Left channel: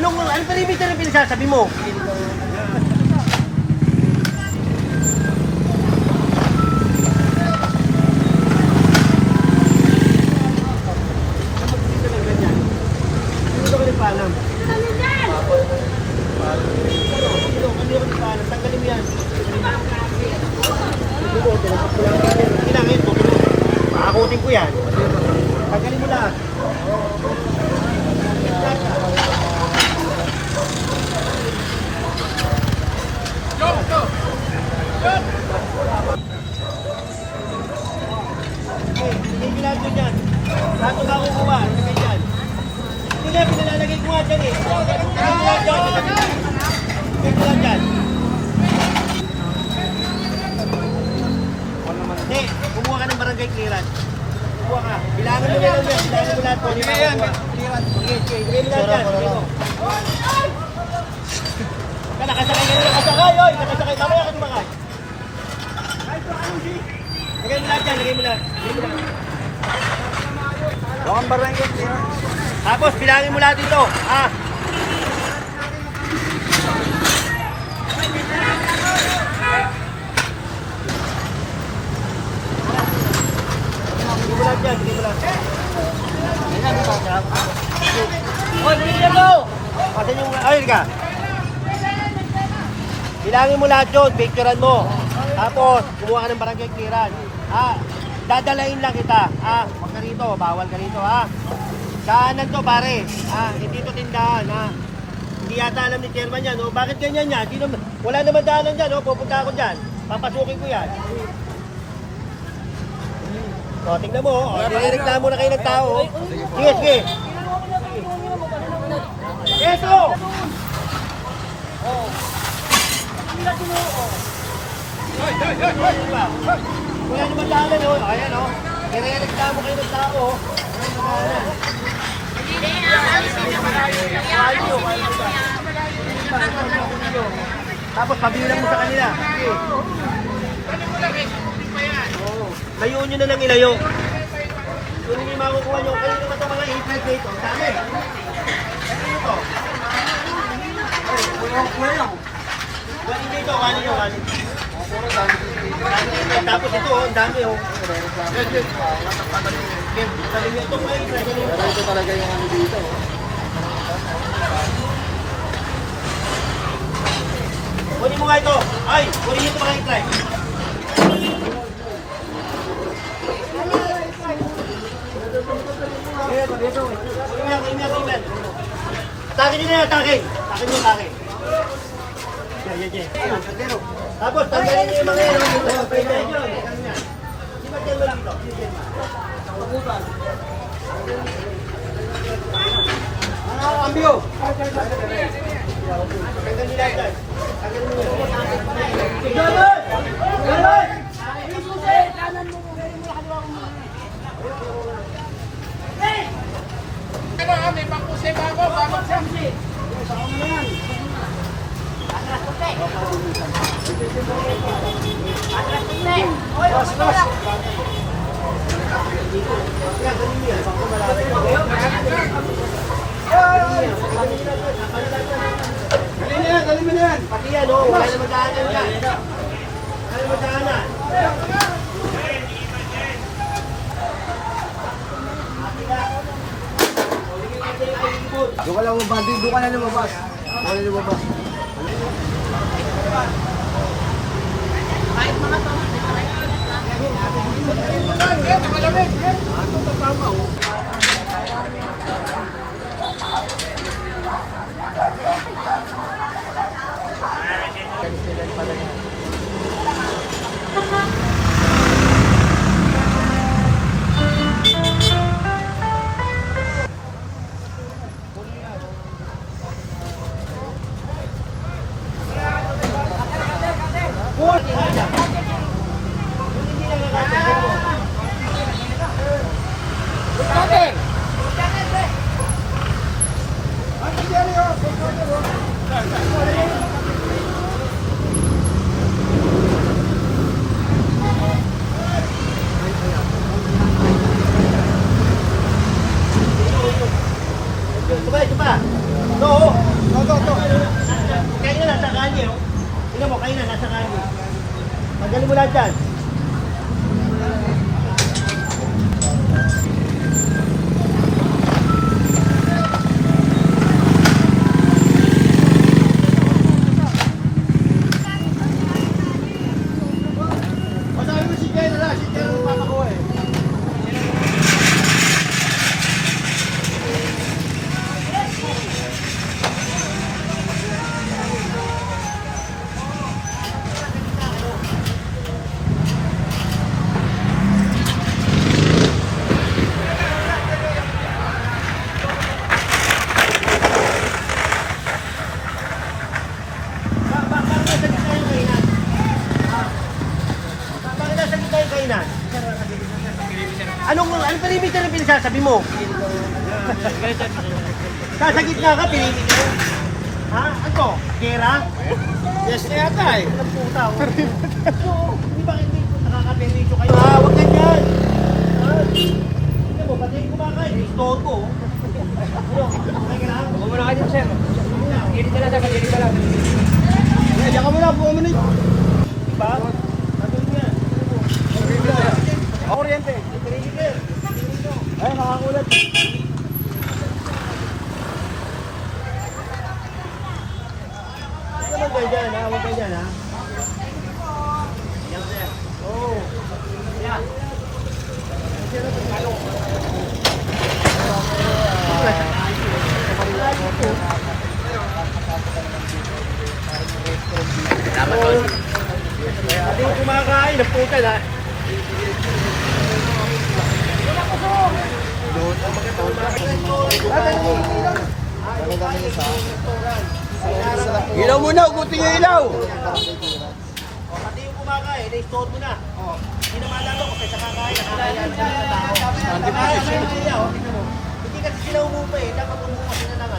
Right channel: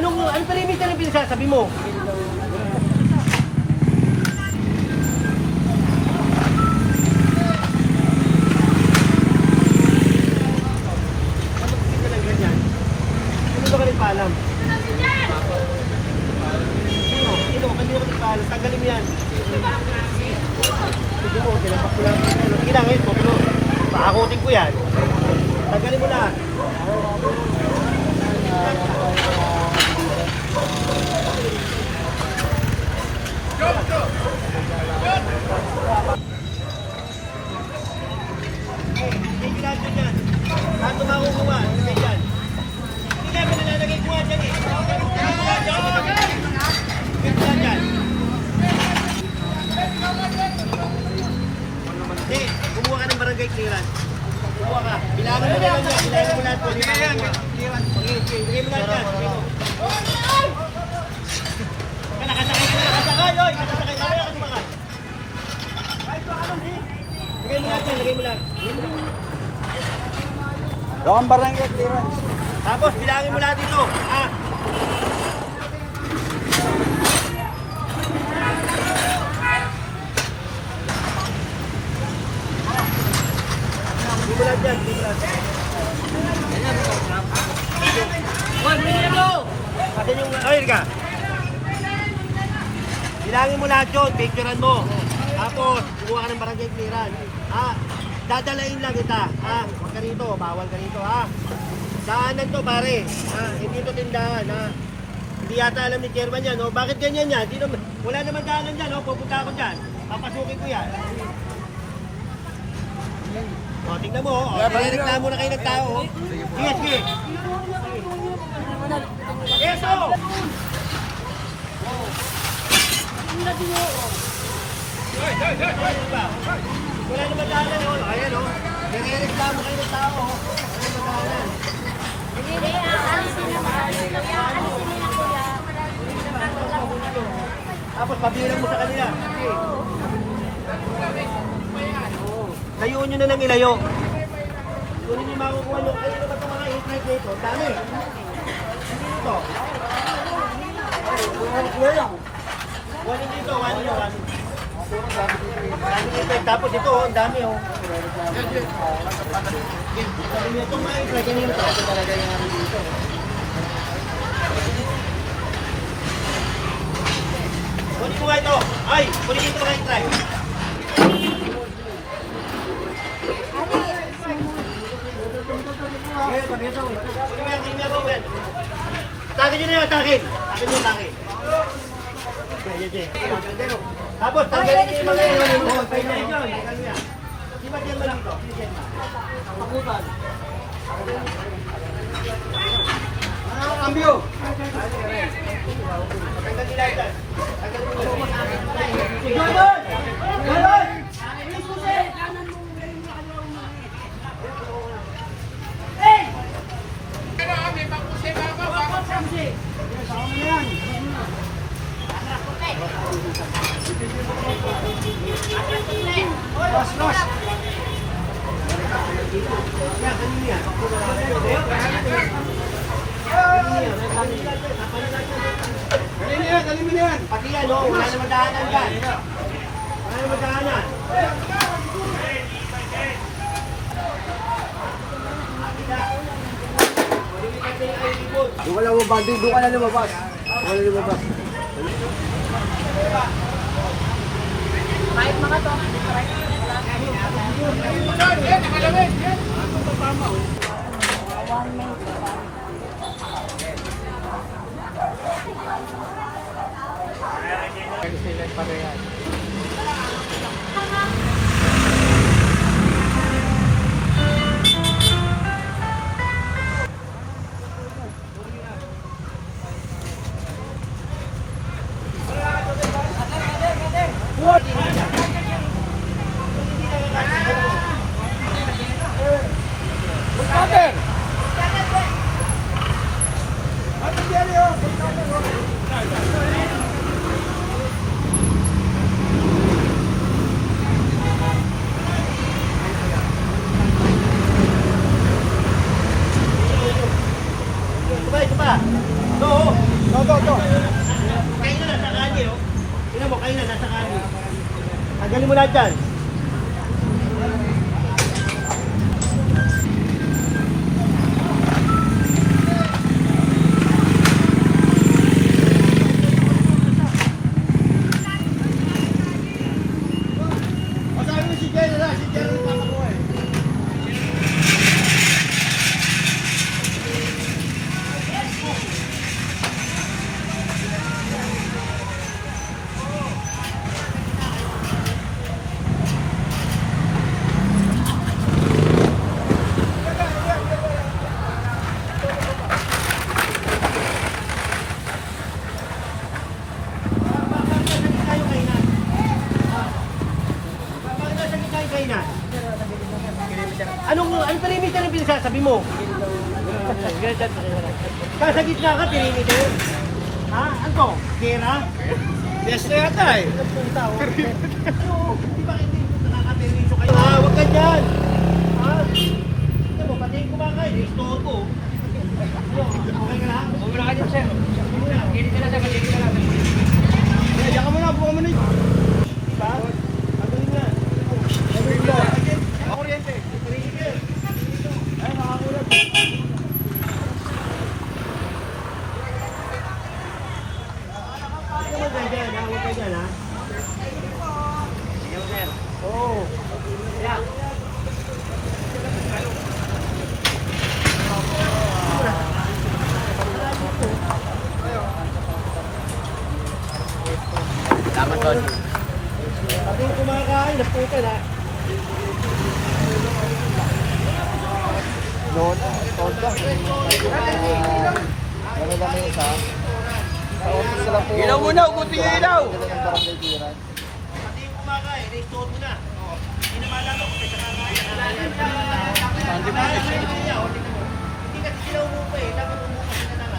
Anong perimeter ang pinasasabi mo? Ano ka rin paalam? Tanggalin mo yan. Kailangan ito. Pakakutin ko yan. Tanggalin mo lahat. Hindi ginagawa dyan. Saan ito makukuha? Ilagay dyan. Hindi na, pinalalagay ko nga dyan eh. Ilagay mo lang dyan. Ilagay mo lang dyan. Hindi, kumuha ka ng barangay clearance. Kumuha ka. Bilangin mo na lang yan. Bilangin mo lahat po. Hindi yan. Ilagay mo lang dyan. Nakasakay ka na. Nakasakay. Nakasakay ka na. Nakasakay. Kahit pa anong si. Lagay mo lahat dyan. Lagay mo lahat. Bawang barangay clearance. Tapos, bilangin mo lahat dito. Ha? Hindi mo lahat dyan. Hindi mo lahat. Hoy, hindi ka daw! Ayun ka. Bilangin mo lahat yun. Picturean mo. Tapos, kumuha ka ng barangay clearance. Ha? Dadalain lang kita. Ha? Huwag ka rito. Bawal ka rito. Ha? Daanan to pare. Ha? Hindi to tindahan. Ha? Hindi yata alam ni chairman yan. No? Bakit ganyan yan? Wala naman daanan dyan. No? Pupunta ako dyan. Papasukin ko yan. O, tingnan mo. O, nireklamo na kayo ng tao. Sige, sige. Eso! Wala naman daanan. O. Ayan o. Nireklamo kayo ng tao. Ayan o. Tapos pabiulan mo sa kanila. Oo. Layuan nyo na ng ilayo. Kung hindi makukuha nyo, kayo naman itong mga e-plate dito. Dami. Ano ito? Wali dito, wali nyo, wali. Dami dito. Tapos ito, ang dami oh. Sabi nyo itong mga e-plate nyo ito. Kunin mo nga ito. Ay, kunin ito mga e-plate. Takin nyo na yan, takin. Takin nyo, takin. Tapos, tanggalin nyo yung mga yan. Di ba dyan mo dito? Pakutan. Ano ang cambio? Tanggal nila yan. Tanggal nyo. Ganon! Ganon! Kanan mo. May pakusay ba ako? Bakit siyempre? Saka mo na yan. Atras ko tayo. Atras ko tayo. Los, los. Yan, kanina yan. Bakit mo lang. Galing mo na yan. Pati yan, o. Wala naman daanan yan. Wala naman daanan. Doon ka lang lumabas. Doon ka na lumabas. Doon ka na lumabas. Ito pa. No. Tanggalin mo na dyan. O sabi mo si Jen, wala. Si Jen ang nagpapakuha eh. Anong perimeter ang pinasasabi mo? Sa gitna ka, perimeter? Ha? Ano to? Gera? Yes na yata eh. Ang puta oh. Di ba hindi po nakaka-perimeter kayo? Ha? Huwag ka dyan! Ha? Tignan mo, pati yung kumakain. Istood ko. Ano? Okay ka lang? Wala kayo, sir. Gilid ka lang, gilid ka lang. Kaya ka muna, buwan mo nito. Diba? Tagulin nga. Kuryente. Perimeter. Ay, nakakulat. Huwag kayo dyan, ha? Huwag kayo dyan, ha? Yes, sir. Oo. Yeah. Pati yung kumakain, naputan, ha? Ilaw muna, ugutin yung ilaw. Pati yung kumakain, na-store mo na. Hindi na malaman kung kaysa kakain, nakakain ang tao. Hindi kasi sila umupa eh, dapat umupa sila ng